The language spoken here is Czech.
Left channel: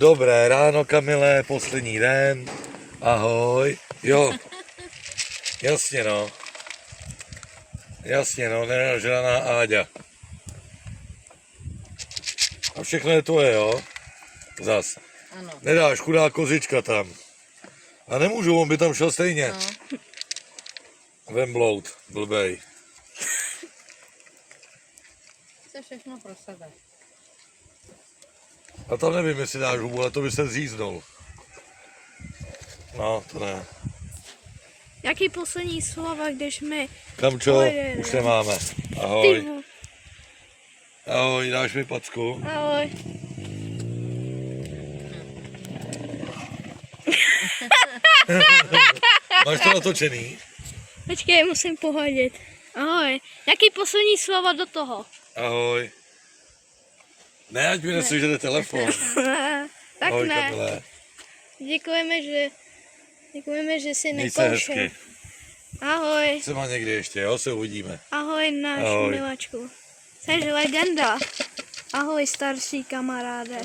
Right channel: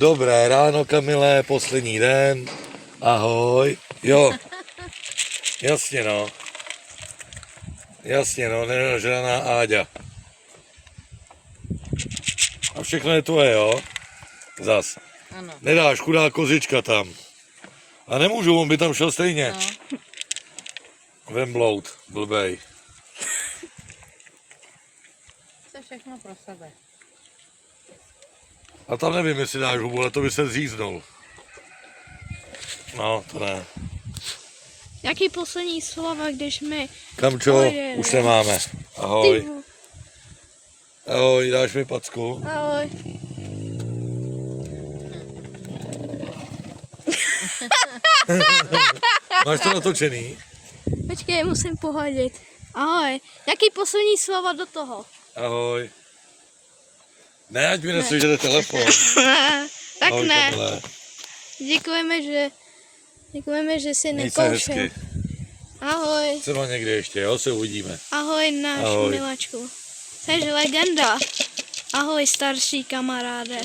Dobré ráno, Kamile, poslední den. Ahoj. Jo. Jasně no. Jasně no, nenažraná Áďa. A všechno je tvoje, jo? Zas. Ano. Nedáš, chudá kozička tam. A nemůžu, on by tam šel stejně. No. Vemblout, blbej. To všechno pro sebe. A tam nevím, jestli dáš hubu, ale to by se zříznul. No, to ne. Jaký poslední slova, když my... Kamčo, Pojedeme. už nemáme. Ty Ahoj. vo- Ahoj, dáš mi packu? Ahoj. Máš to natočený? Počkej, musím pohodit. Ahoj. Jaký poslední slova do toho? Ahoj. Ne, ať mi neslyšete telefon. Tak Ahoj, ne. Kamile. Děkujeme, že jsi Měj se nekoušel. hezky. Ahoj. Třeba někdy ještě, jo, se uvidíme. Ahoj, náš Ahoj. miláčku. Jsi legenda. Ahoj, starší kamaráde.